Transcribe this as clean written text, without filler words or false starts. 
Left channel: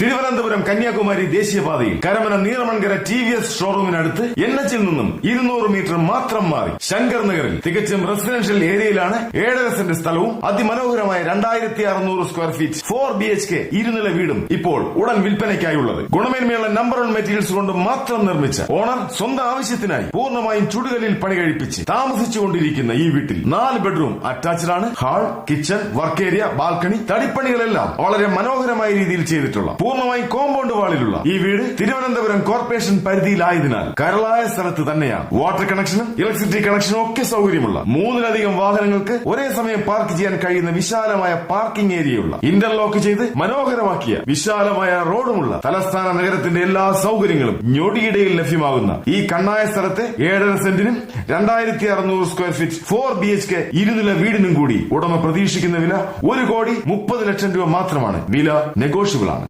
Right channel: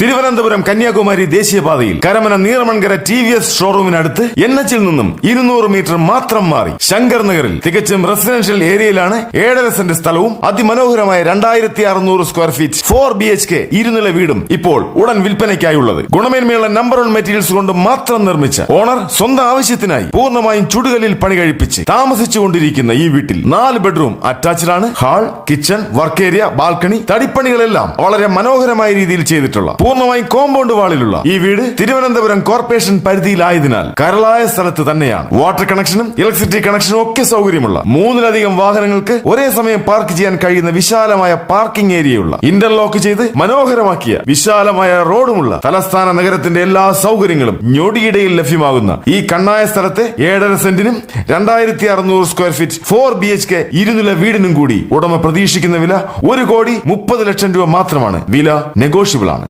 തിരുവനന്തപുരം കന്യാകുമാരി ദേശീയപാതയിൽ Karamana Neeramankara TVS ഷോറൂമിനടുത്ത് NH നിന്നും 200 metre മാത്രം മാറി ശങ്കർ നഗറിൽ തികച്ചും റെസിഡൻഷ്യൽ ഏരിയയിലാണ് 7.5 സെന്റ് സ്ഥലവും അതിമനോഹരമായ 2600 സ്ക്വയർ ഫീറ്റ് 4 BHK ഇരുനില വീടും ഇപ്പോൾ ഉടൻ വിൽപ്പനയ്ക്കായുള്ളത്. ഗുണമേന്മയുള്ള നമ്പർ 1 മെറ്റീരിയൽസ് കൊണ്ട് മാത്രം നിർമ്മിച്ച ഓണർ സ്വന്തം ആവശ്യത്തിനായി പൂർണ്ണമായും ചുടുകല്ലിൽ പണി കഴിപ്പിച്ച് താമസിച്ചുകൊണ്ടിരിക്കുന്ന ഈ വീട്ടിൽ 4 ബെഡ്റൂം അറ്റാച്ച്ഡ് ആണ്. Hall, kitchen, work area, balcony, തടിപ്പണികളെല്ലാം വളരെ മനോഹരമായ രീതിയിൽ ചെയ്തിട്ടുള്ള പൂർണ്ണമായും കോമ്പൗണ്ട് വാളിലുള്ള ഈ വീട് തിരുവനന്തപുരം കോർപ്പറേഷൻ പരിധിയിലായതിനാൽ കരളായ സ്ഥലത്ത് തന്നെയാണ്. വാട്ടർ കണക്ഷനും ഇലക്ട്രിസിറ്റി കണക്ഷനും ഒക്കെ സൗകര്യമുള്ള 3ലധികം വാഹനങ്ങൾക്ക് ഒരേ സമയം പാർക്ക് ചെയ്യാൻ കഴിയുന്ന വിശാലമായ പാർക്കിംഗ് ഏരിയയുള്ള ഇന്റർലോക്ക് ചെയ്ത് മനോഹരമാക്കിയ വിശാലമായ റോഡുമുള്ള തലസ്ഥാന നഗരത്തിന്റെ എല്ലാ സൗകര്യങ്ങളും ഞൊടിയിടയിൽ ലഭ്യമാകുന്ന ഈ കണ്ണായ സ്ഥലത്തെ 7.5 സെന്റിനും 2600 സ്ക്വയർ ഫീറ്റ് 4 BHK ഇരുനില വീടിനും കൂടി ഉടമ പ്രതീക്ഷിക്കുന്ന വില 1,30,00,000 രൂപ മാത്രമാണ്. വില നെഗോഷ്യബിൾ ആണ്.